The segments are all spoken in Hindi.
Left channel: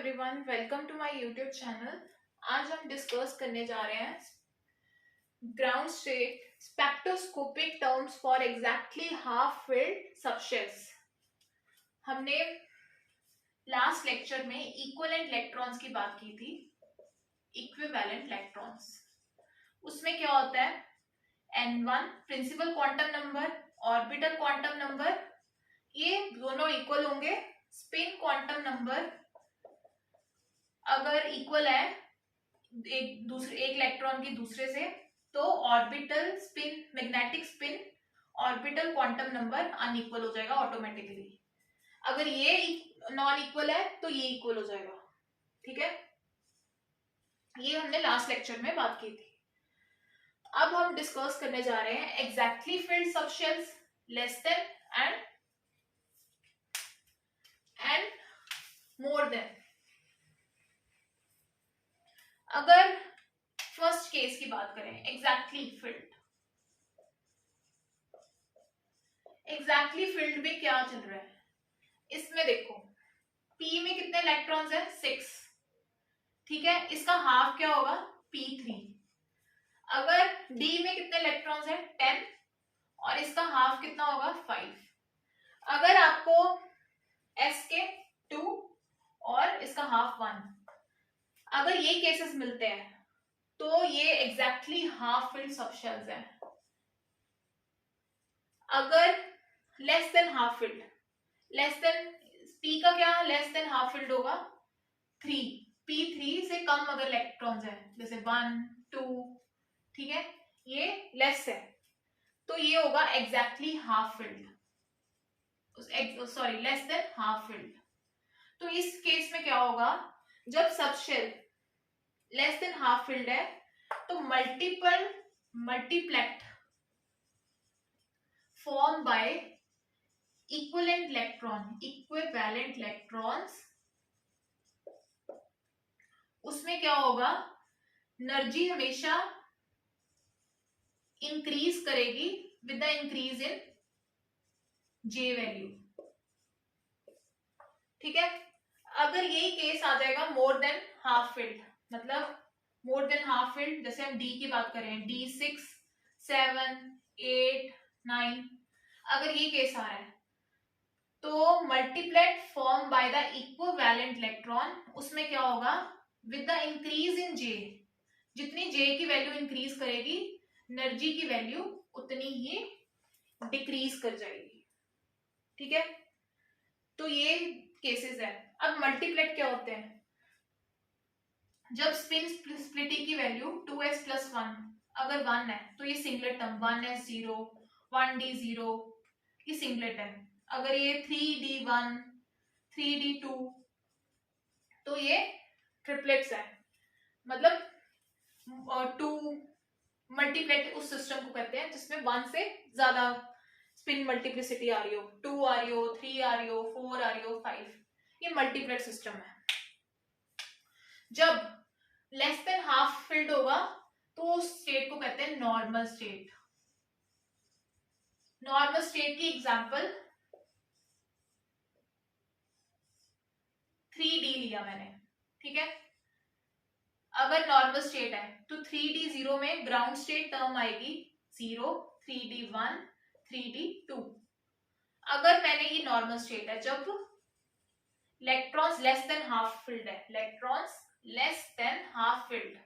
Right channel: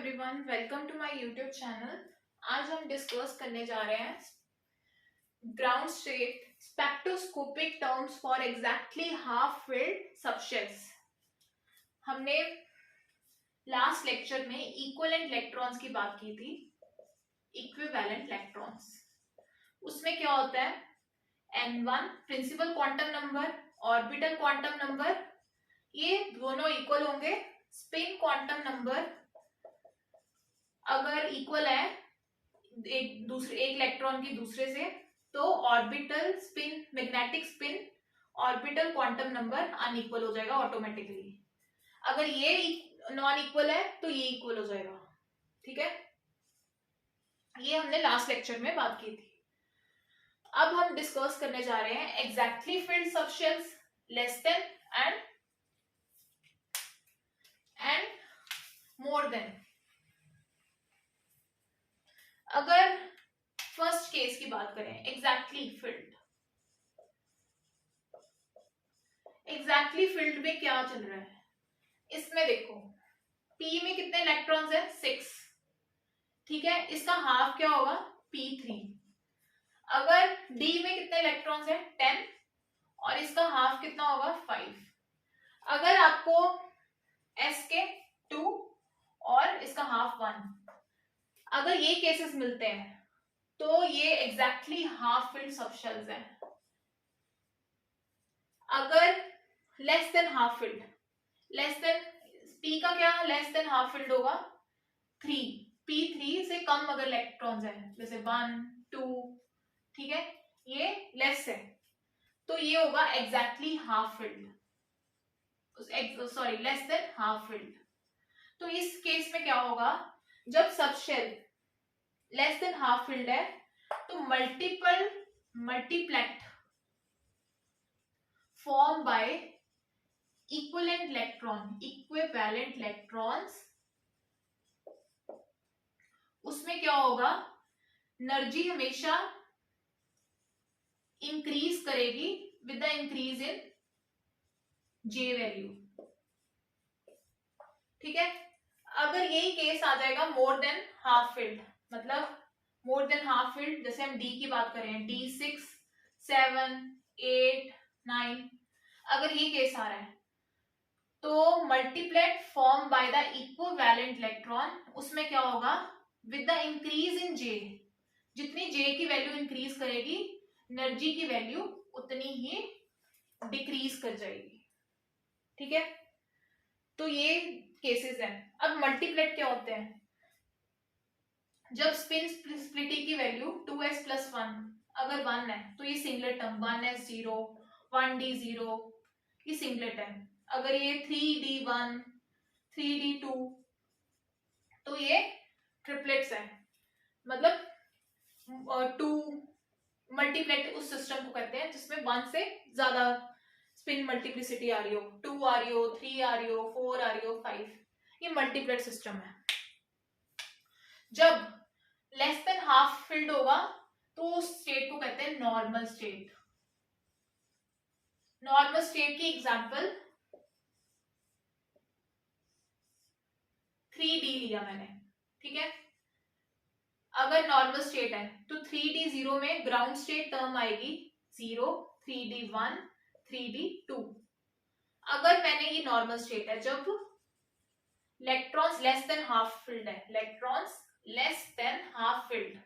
Everyone, welcome to my YouTube channel. आज हम डिस्कस करने जा रहे हैं ground state spectroscopic terms for exactly half filled subshells. हमने लास्ट लेक्चर में इक्विवेलेंट इलेक्ट्रॉन्स की बात की थी। इक्विवेलेंट इलेक्ट्रॉन्स, उसमें क्या होता है, n1 principal quantum number, orbital quantum number, ये दोनों इक्वल होंगे। स्पिन क्वांटम नंबर अगर इक्वल है एक इलेक्ट्रॉन की दूसरे से, तो orbital spin, magnetic spin, orbital quantum number unequal हो जाएगा ऑटोमेटिकली। अगर ये नॉन इक्वल है तो ये इक्वल हो जाएगा। ठीक है, ये हमने लास्ट लेक्चर में बात की थी। अब हम डिस्कस करने जा रहे हैं exactly field subshells, less than and more than. अगर फर्स्ट केस की बात करें, एग्जैक्टली फिल्ड, एग्जैक्टली फिल्ड में क्या चल रहा है, इसमें देखो P में कितने इलेक्ट्रॉन्स है, 6। ठीक है, इसका हाफ क्या होगा, P3। अगर D में कितने इलेक्ट्रॉन्स है, 10, और इसका हाफ कितना होगा, 5। अगर आपको S के 2 और इसका हाफ 1, अगर ये केसेस मिलते हैं तो ये एग्जैक्टली हाफ फिल्ड सबशेल्स हैं। अगर less than half field, less than P का क्या लेस देन हाफ फिल्ड होगा, 3। P3 से कम अगर इलेक्ट्रॉन्स हैं, जैसे 1, 2, ठीक है, ये लेस है, तो ये होगा exactly half field, sorry less than half field. तो इस केस में क्या होगा, जब subshell less than half filled है तो मल्टीप्लेक्ट फॉर्म बाय इक्विवेलेंट इलेक्ट्रॉन्स, उसमें क्या होगा, एनर्जी हमेशा इंक्रीज करेगी with the increase in J value. ठीक है, अगर यही केस आ जाएगा मोर देन हाफ फिल्ड, मतलब मोर देन हाफ फिल्ड, जैसे हम D की बात करें, D6, 7, 8, 9, अगर ये केस आ रहा है तो multiplet form by the equivalent electron, उसमें क्या होगा, with the increase in J, जितनी J की वैल्यू इंक्रीज करेगी एनर्जी की वैल्यू उतनी ही डिक्रीज कर जाएगी। ठीक है, तो ये केसेस है। अब मल्टीप्लेट क्या होते हैं, जब स्पिन स्प्लिटी की वैल्यू 2s + 1 अगर 1 है तो ये सिंगलेट टर्म 1s0, 1d0, ये सिंगलेट है। अगर ये 3d1, 3d2, तो ये ट्रिपलेट्स है, मतलब 2 मल्टीप्लेट उस सिस्टम को कहते हैं जिसमें 1 से ज्यादा स्पिन मल्टीप्लिसिटी आ रही हो, 2 आ रही हो, 3 आ रही हो, 4 आ रही हो, 5, ये मल्टीप्लेट सिस्टम है। जब लेस देन हाफ फिल्ड होगा तो उस स्टेट को कहते हैं नॉर्मल स्टेट। नॉर्मल स्टेट की एग्जांपल 3d लिया मैंने। ठीक है, अगर नॉर्मल स्टेट है तो 3d0 में ग्राउंड स्टेट टर्म आएगी 0, 3d1, 3d2। अगर मैंने ये नॉर्मल स्टेट है जब electrons less than half filled है, electrons less than half filled,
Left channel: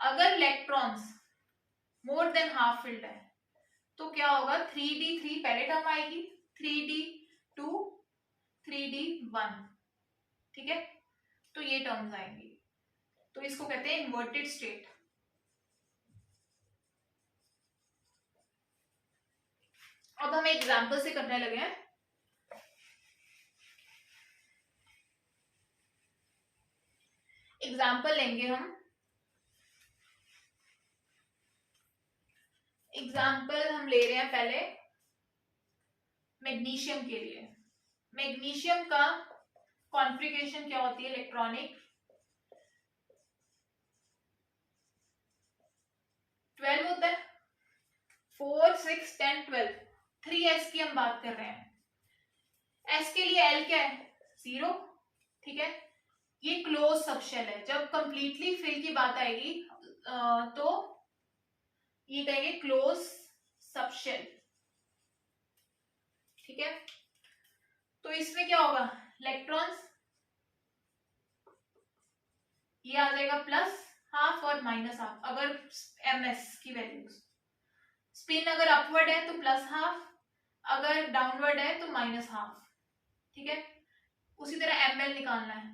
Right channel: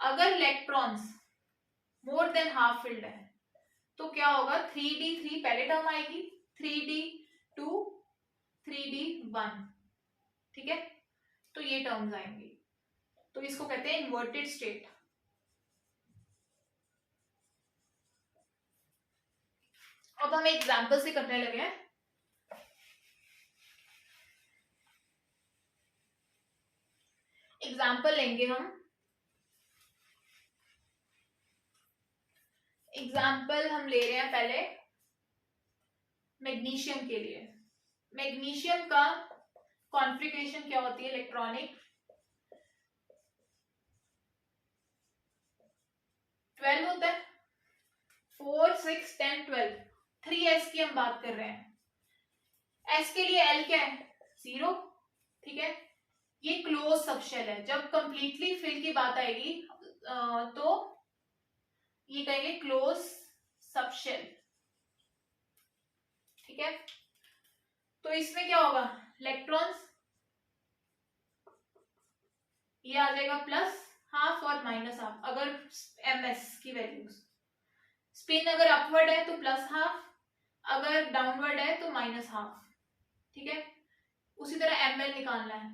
अगर electrons more than half filled है तो क्या होगा, 3d3 पहले टर्म आएगी, 3d2, 3d1। ठीक है, तो ये टर्म्स आएंगी, तो इसको कहते हैं इन्वर्टेड स्टेट। अब हम एग्जांपल से करने लगे हैं। एग्जांपल लेंगे हम, एग्जांपल हम ले रहे हैं पहले मैग्नीशियम के लिए। मैग्नीशियम का कॉन्फ़िगरेशन क्या होती है, इलेक्ट्रॉनिक 12 होता है, 4, 6, 10, 12, 3s की हम बात कर रहे हैं। एस के लिए एल क्या है 0, ठीक है। ये क्लोज सबशेल है, जब कंप्लीटली फिल की बात आएगी तो ये कहेंगे क्लोज सबशेल, ठीक है। तो इसमें क्या होगा, इलेक्ट्रॉन्स ये आ जाएगा प्लस हाफ और माइनस हाफ, अगर एम एस की वैल्यूज, स्पिन अगर अपवर्ड है तो प्लस हाफ, अगर डाउनवर्ड है तो माइनस हाफ, ठीक है। उसी तरह एम एल निकालना है,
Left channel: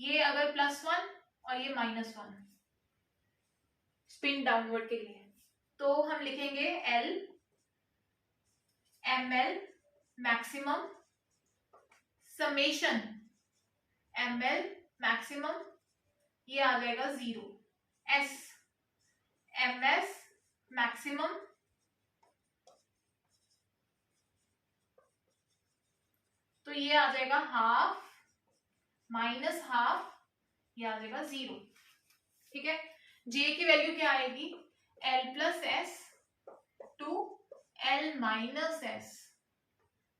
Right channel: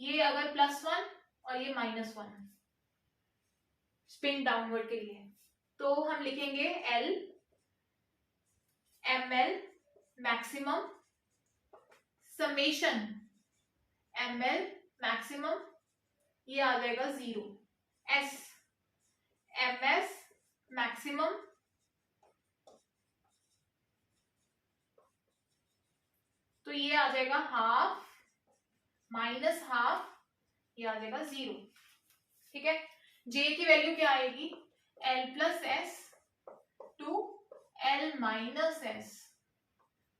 ये अगर +1 और ये -1 स्पिन डाउनवर्ड के लिए, तो हम लिखेंगे L M L maximum summation M L maximum, ये आ जाएगा 0, एस एम एस मैक्सिमम तो ये आ जाएगा हाफ माइनस हाफ, ये आ जाएगा 0, ठीक है। जे की वैल्यू क्या आएगी, L plus S to L minus S,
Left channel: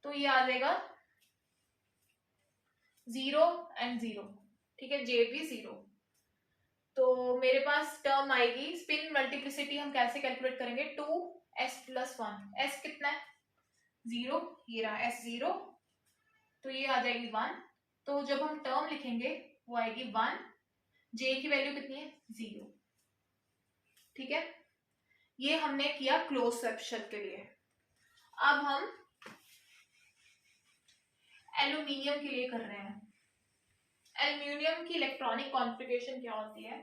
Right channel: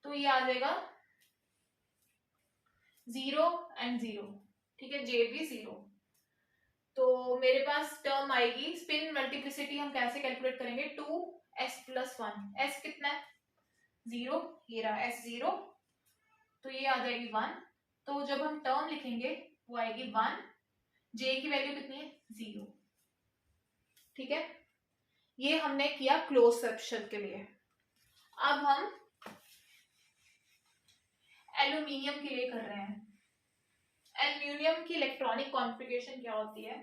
तो ये आ जाएगा 0 एंड 0, ठीक है, जे भी 0। तो मेरे पास टर्म आएगी, स्पिन मल्टीप्लिसिटी हम कैसे कैलकुलेट करेंगे, 2s+1, एस कितना है 0, ये रहा s 0, तो ये आ जाएगी 1, तो जब हम टर्म लिखेंगे वो आएगी 1, जे की वैल्यू कितनी है 0, ठीक है। ये हमने किया क्लोज सबशेल के लिए। अब हम एल्यूमिनियम के लिए कर रहे हैं। एल्यूमिनियम की इलेक्ट्रॉनिक कॉन्फ़िगरेशन क्या होती है,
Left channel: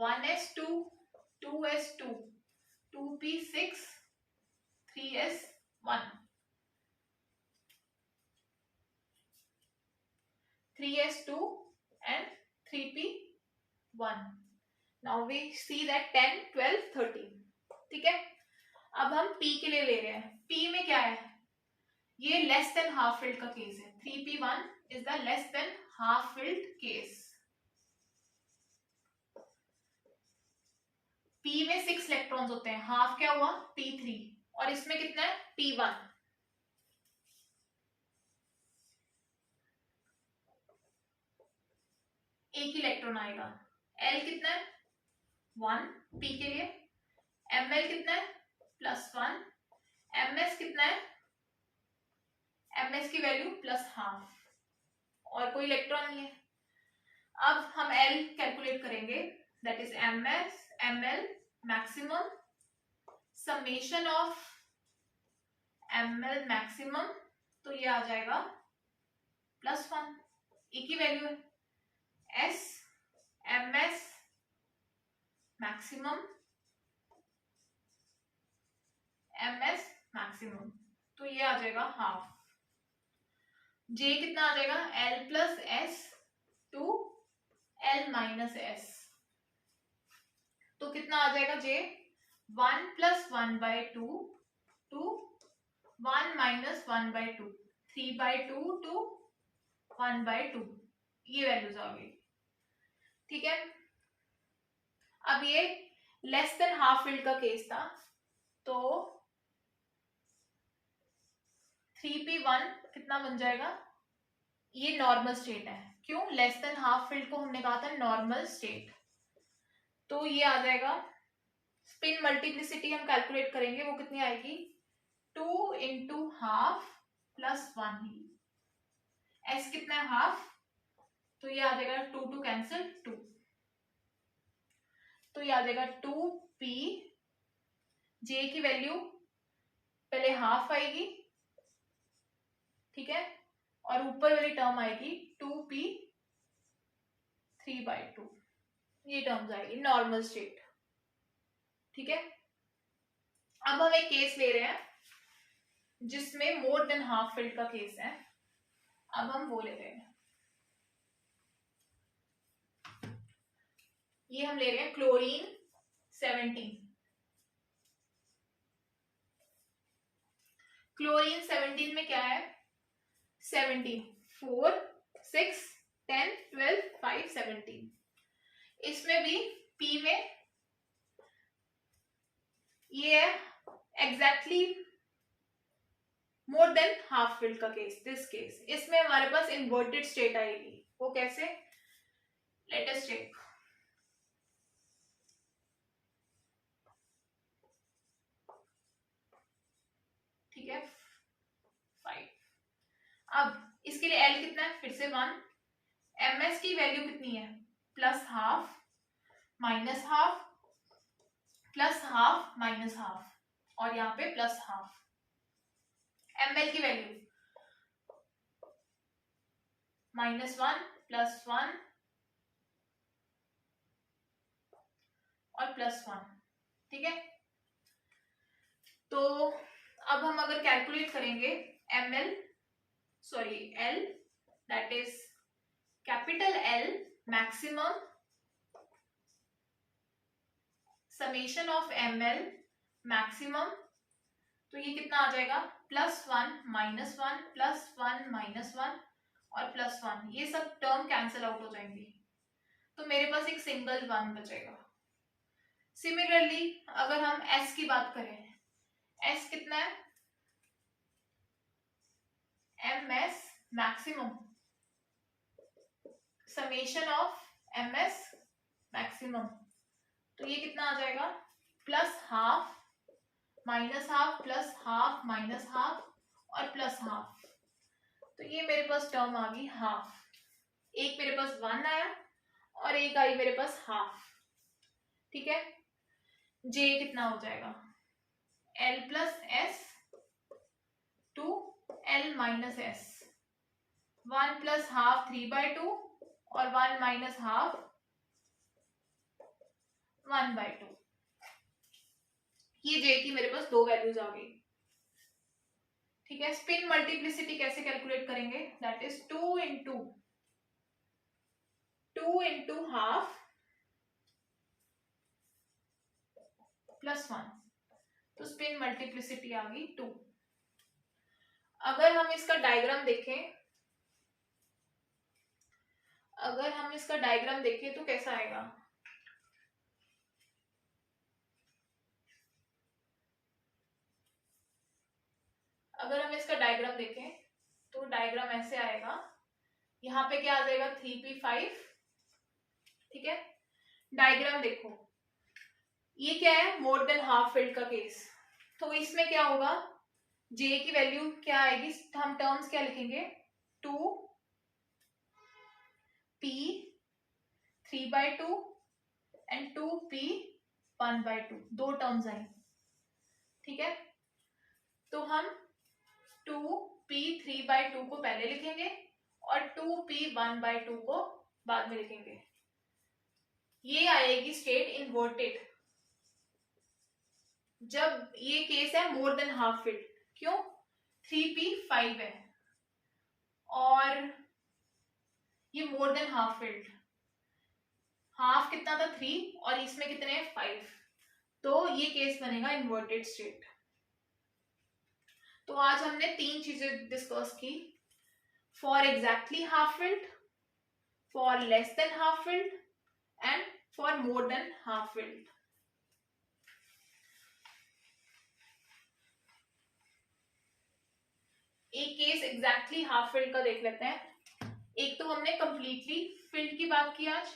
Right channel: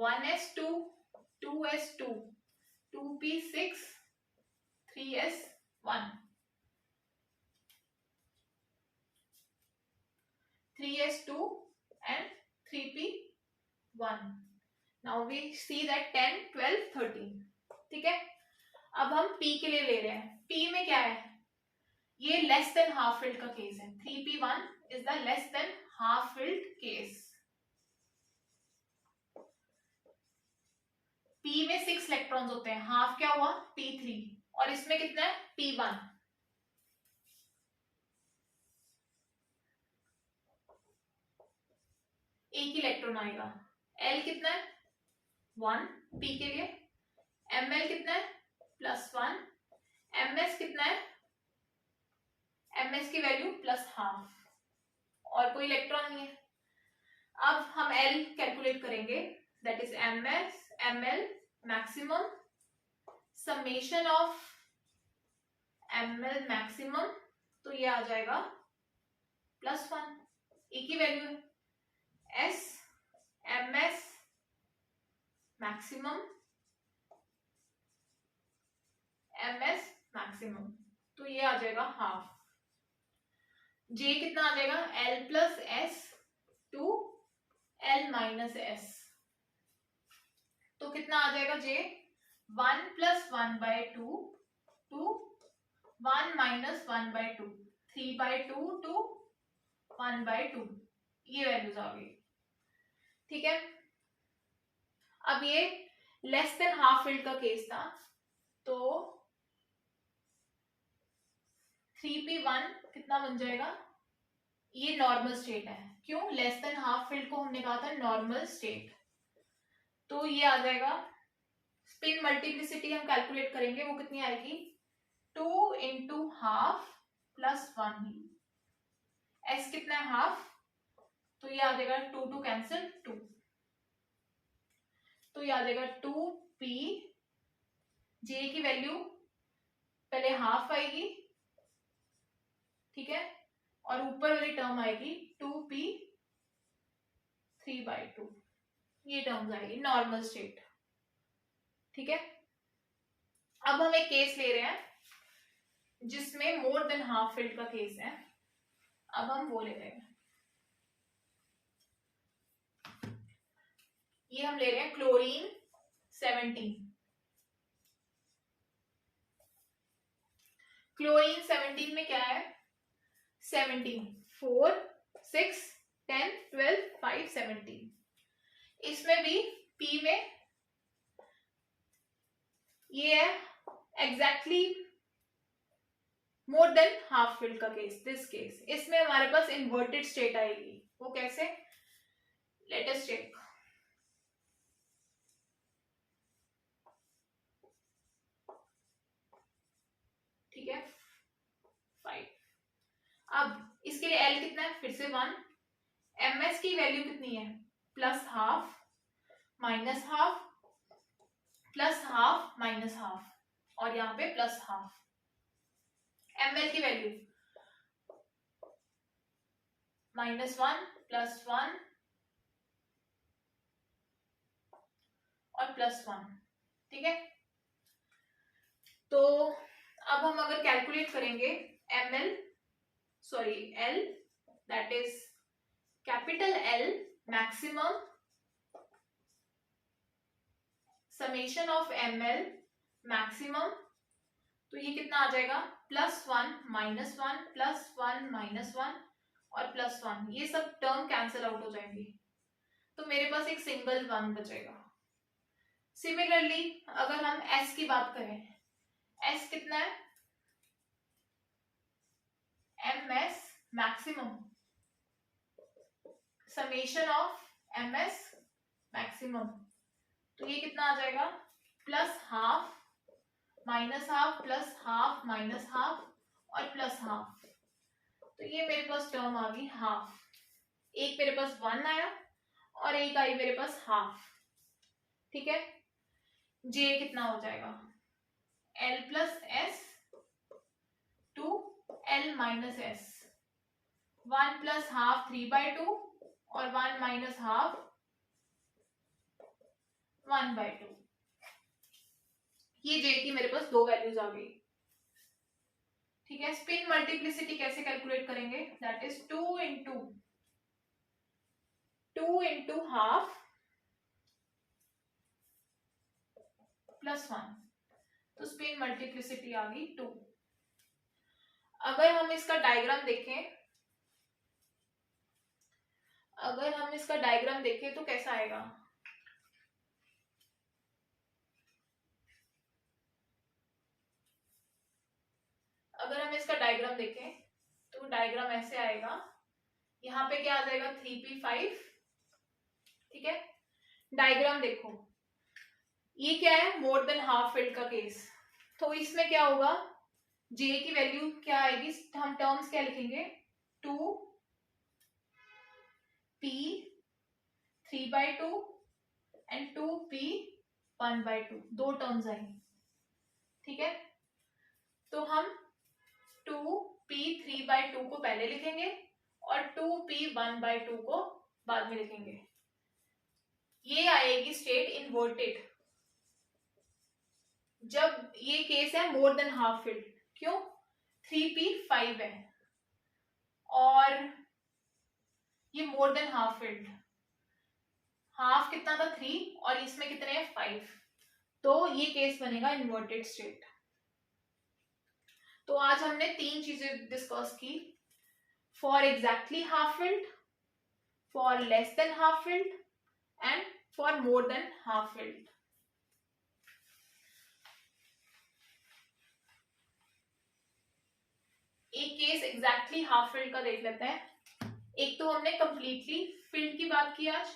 1s2 2s2 2p6 3s1 3s2 and 3p1। Now we see that 10 12 13, ठीक है। अब हम p के लिए ले रहे हैं, p में क्या है, ये लेस देन हाफ फिल्ड का केस है, 3p1 is the less than half field case. p में 6 इलेक्ट्रॉन्स होते हैं, हाफ क्या हुआ p3, और इसमें कितना है p1, एक इलेक्ट्रॉन आएगा। l कितना है 1 p के लिए, ml कितना है +1, ms कितना है, ms की वैल्यू +हाफ, और कोई इलेक्ट्रॉन नहीं है। अब हम l कैलकुलेट करेंगे, that is ms ml maximum summation of ml maximum, तो ये आ जाएगा +1, एक ही वैल्यू है, s ms maximum ms maximum, तो ये आ जाएगा हाफ। j कितना आ जाएगा, l plus S to l minus S, तो कितना आ जाएगा j 1 + 1/2 टू 1 - 1/2 3/2 टू 1/2, ये वैल्यूज आ गई, ठीक है। अब ये लेस देन हाफ फिल्ड का केस था, तो 3p1 कितना बन जाएगा, ये नॉर्मल स्टेट है, क्यों, लेस देन हाफ फिल्ड को हमने कहा था नॉर्मल स्टेट, तो ये आ जाएगा। स्पिन मल्टीप्लिसिटी हम कैलकुलेट करेंगे, वो कितनी आएगी 2 × हाफ +1 ही, s कितना है हाफ, तो ये आ जाएगा 2 2 कैंसिल 2, तो ये आ जाएगा 2p, j की वैल्यू पहले हाफ आएगी, ठीक है, और ऊपर वाली टर्म आएगी 2p 3/2, ये टर्म्स आएगी नॉर्मल स्टेट, ठीक है। अब हम एक केस ले रहे हैं जिसमें मोर देन हाफ फिल्ड का केस है, अब हम वो ले रहे हैं, ये हम ले रहे हैं क्लोरीन 17। क्लोरीन 17 में क्या है, 17 4 6 10 12 5 17, इसमें भी p में ये है एग्जैक्टली मोर देन हाफ फिल्ड का केस, दिस केस, इसमें हमारे पास इन्वर्टेड स्टेट आएगी। वो कैसे, लेट अस चेक। ठीक है, 5। अब इसके लिए L कितना है, फिर से 1। MS की वैल्यू कितनी है, plus half minus half plus half minus half, और यहाँ पे प्लस हाफ। ML की वैल्यू -1 +1 और +1। ठीक है, तो अब हम अगर कैलकुलेट करेंगे L, that is capital L maximum summation of ML maximum, तो ये कितना आ जाएगा, +1 -1 +1 -1 और +1, ये सब टर्म कैंसिल आउट हो जाएंगी, तो मेरे पास एक सिंगल 1 बचेगा। सिमिलरली अगर हम S की बात करें, S कितना है, MS maximum summation of MS maximum, तो ये कितना आ जाएगा, +1/2 -1/2 +1/2 -1/2 और +1/2, तो ये मेरे पास टर्म आ गई हाफ। एक मेरे पास 1 आया और एक आई मेरे पास हाफ। ठीक है, J कितना हो जाएगा, L + S to L - S, 1 + 1/2 3/2 और 1 - 1/2 1/2। ये J की मेरे पास 2 वैल्यूज आ गई। ठीक है, स्पिन मल्टीप्लिसिटी कैसे कैलकुलेट करेंगे, दैट इज 2 into हाफ +1, तो स्पिन मल्टीप्लिसिटी आ गई 2। अगर हम इसका डायग्राम देखें तो कैसा आएगा, अगर हम इसका डायग्राम देखें तो डायग्राम ऐसे आएगा, यहाँ पे क्या आ जाएगा 3p5। ठीक है, डायग्राम देखो, ये क्या है, मोर देन हाफ फिल्ड का केस, तो इसमें क्या होगा, J की वैल्यू क्या आएगी, हम टर्म्स क्या लिखेंगे, 2p 3/2 एंड 2p 1/2, 2 टर्म्स आई। ठीक है, तो हम 2p 3/2 को पहले लिखेंगे और 2p 1/2 को बाद में लिखेंगे। ये आएगी स्टेट इन्वर्टेड जब ये केस है मोर देन हाफ फिल्ड। क्यों, 3p5 है और ये मोर देन हाफ फिल्ड, हाफ कितना था 3 और इसमें कितने हैं 5, तो ये केस बनेगा इन्वर्टेड स्टेट। तो आज हमने 3 चीजें डिस्कस की, for exactly half field, for less than half filled and for more than half field. एक केस एग्जैक्टली हाफ फिल्ड का देख लेते हैं। एक तो हमने कंप्लीटली फिल्ड की बात की आज,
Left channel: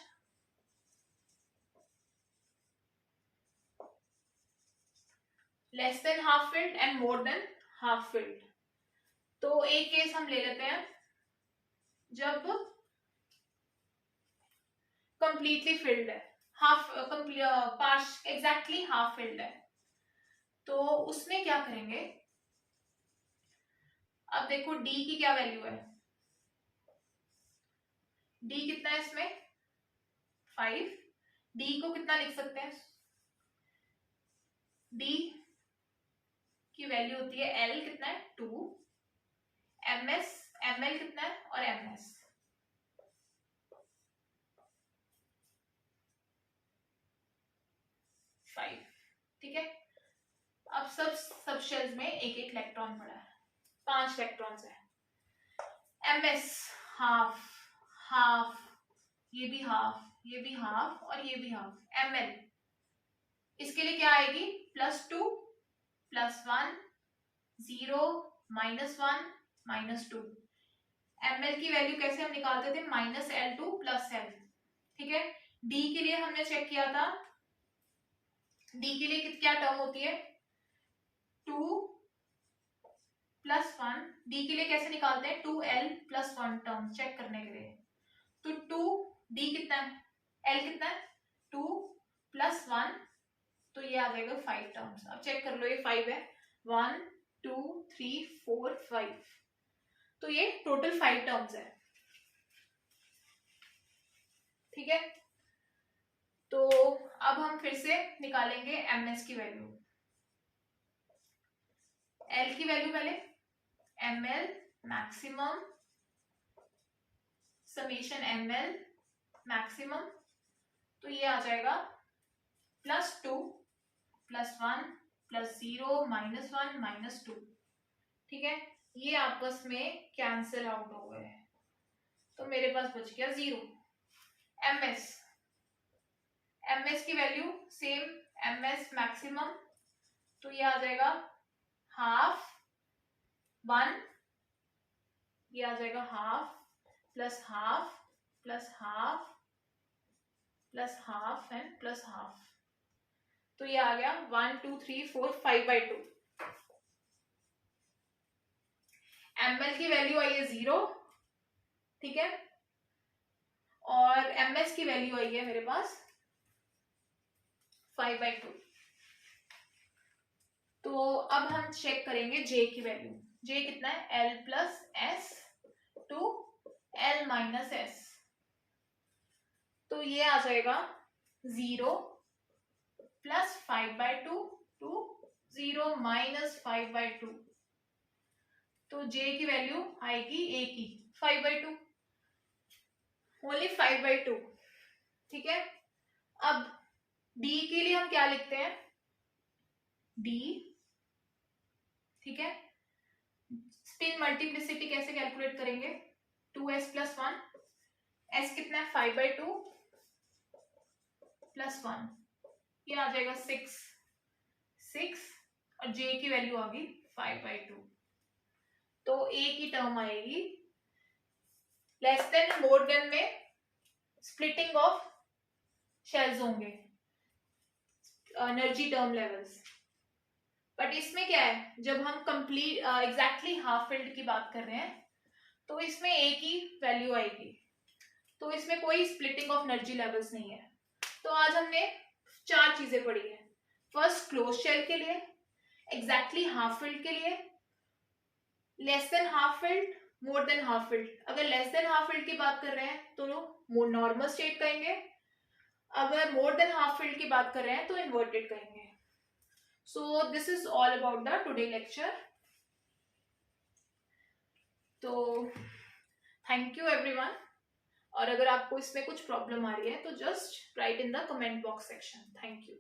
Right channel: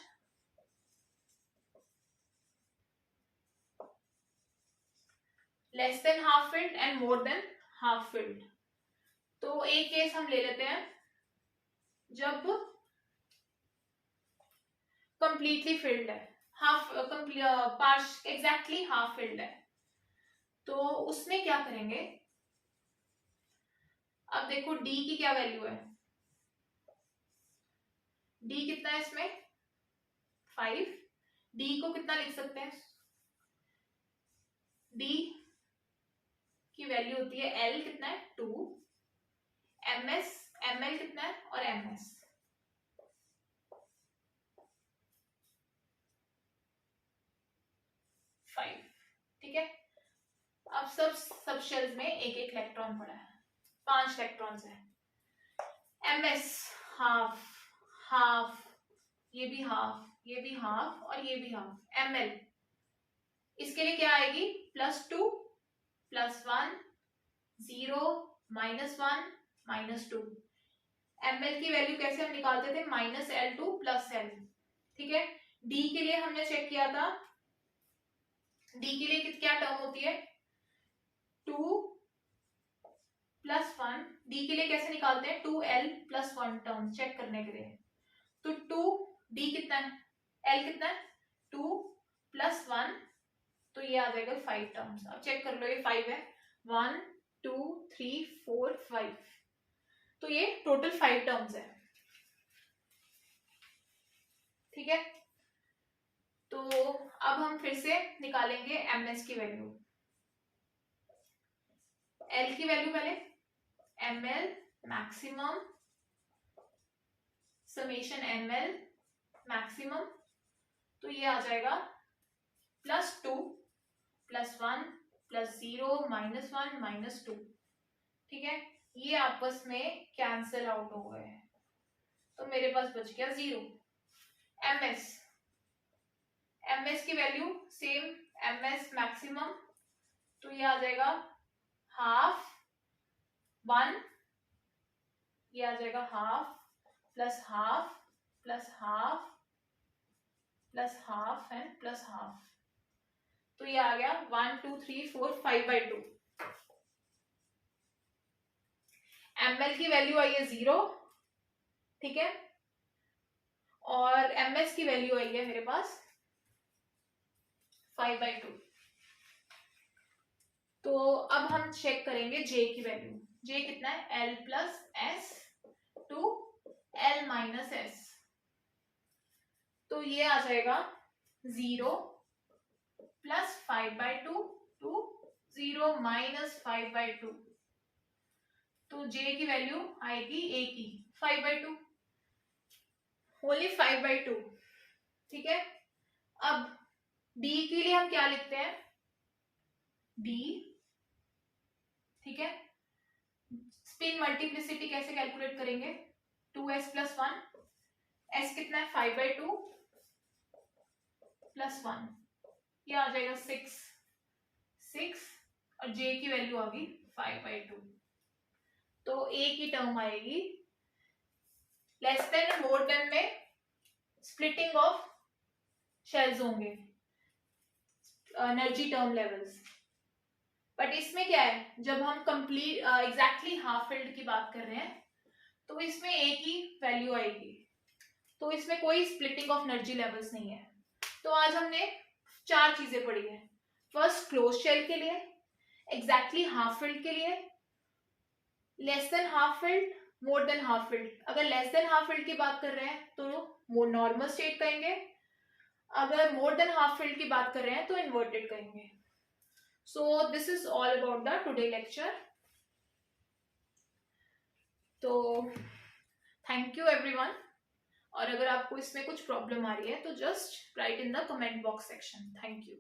less than half filled and more than half field. तो एक केस हम ले लेते हैं जब कंप्लीटली फिल्ड है, एग्जैक्टली हाफ फिल्ड है, तो उसमें क्या करेंगे, अब देखो D की क्या वैल्यू है, D कितना है इसमें 5, D को कितना लिख सकते हैं, D की वैल्यू होती है L कितना है 2, ML कितना है और MS 5। ठीक है, अब सब शेल्स में एक एक इलेक्ट्रॉन पड़ा है, 5 इलेक्ट्रॉन्स है। MS हाफ हाफ, ये भी हाफ, ये भी हाफ और ये भी हाफ। ML इसके लिए क्या आएगी, +2 +1 0 -1 -2। ml की वैल्यू कैसे हम निकालते थे, -L2 + L। ठीक है, डी के लिए हमने चेक किया था, डी के लिए क्या टर्म होती है, 2 + 1। डी के लिए कैसे निकालते हैं, 2L + 1 टर्म चेक करने के लिए। तो 2, डी कितना है, L कितना है, 2 + 1, तो ये आ जाएगा 5 टर्म्स। अब चेक कर लो, ये 5 है, 1 2 3 4 5, तो ये टोटल 5 टर्म्स है। ठीक है, तो अब हम फिर से निकालेंगे ms की वैल्यू। L की वैल्यू पहले, ml maximum summation ml maximum, तो ये आ जाएगा +2 + 1 + 0 -1 -2। ठीक है, ये आपस में कैंसिल आउट हो गए, तो मेरे पास बच गया 0। ms की वैल्यू सेम, ms मैक्सिमम, तो ये आ जाएगा ½ 1, ये आ जाएगा ½ +½ +½ +½ एंड +½ तो ये आ गया 1 2 3 4 5/2। ml की वैल्यू आई है 0। ठीक है, और ms की वैल्यू आई है मेरे पास 5/2। तो अब हम चेक करेंगे j की वैल्यू। j कितना है, L + S to L - S, तो ये आ जाएगा 0 + 5/2 to 0 - 5/2, तो j की वैल्यू आएगी a की 5/2, ओनली 5/2। ठीक है, अब d के लिए हम क्या लिखते हैं, d। ठीक है, स्पिन मल्टीप्लिसिटी कैसे कैलकुलेट करेंगे, 2s + 1, s कितना है 5/2 + 1, ये आ जाएगा 6 और j की वैल्यू आ गई 5/2, तो a की टर्म आएगी लेस देन मोर देन में स्प्लिटिंग ऑफ शेल्स होंगे, एनर्जी टर्म लेवल्स। बट इसमें क्या है, जब हम कंप्लीट एग्जैक्टली हाफ फिल्ड की बात कर रहे हैं, तो इसमें a की वैल्यू आएगी, तो इसमें कोई स्प्लिटिंग ऑफ एनर्जी लेवल्स नहीं है। तो आज हमने 4 चीजें पढ़ी है। फर्स्ट, क्लोज शेल के लिए, एग्जैक्टली हाफ फिल्ड के लिए, लेस देन हाफ फिल्ड, मोर देन हाफ फिल्ड। अगर लेस देन हाफ फिल्ड की बात कर रहे हैं तो नॉर्मल स्टेट कहेंगे, अगर मोर देन हाफ फिल्ड की बात कर रहे हैं तो इन्वर्टेड कहेंगे। So this is all about the today lecture. तो थैंक यू एवरीवन, और अगर आपको इसमें कुछ प्रॉब्लम आ रही है तो just right in the comment box section. Thank you.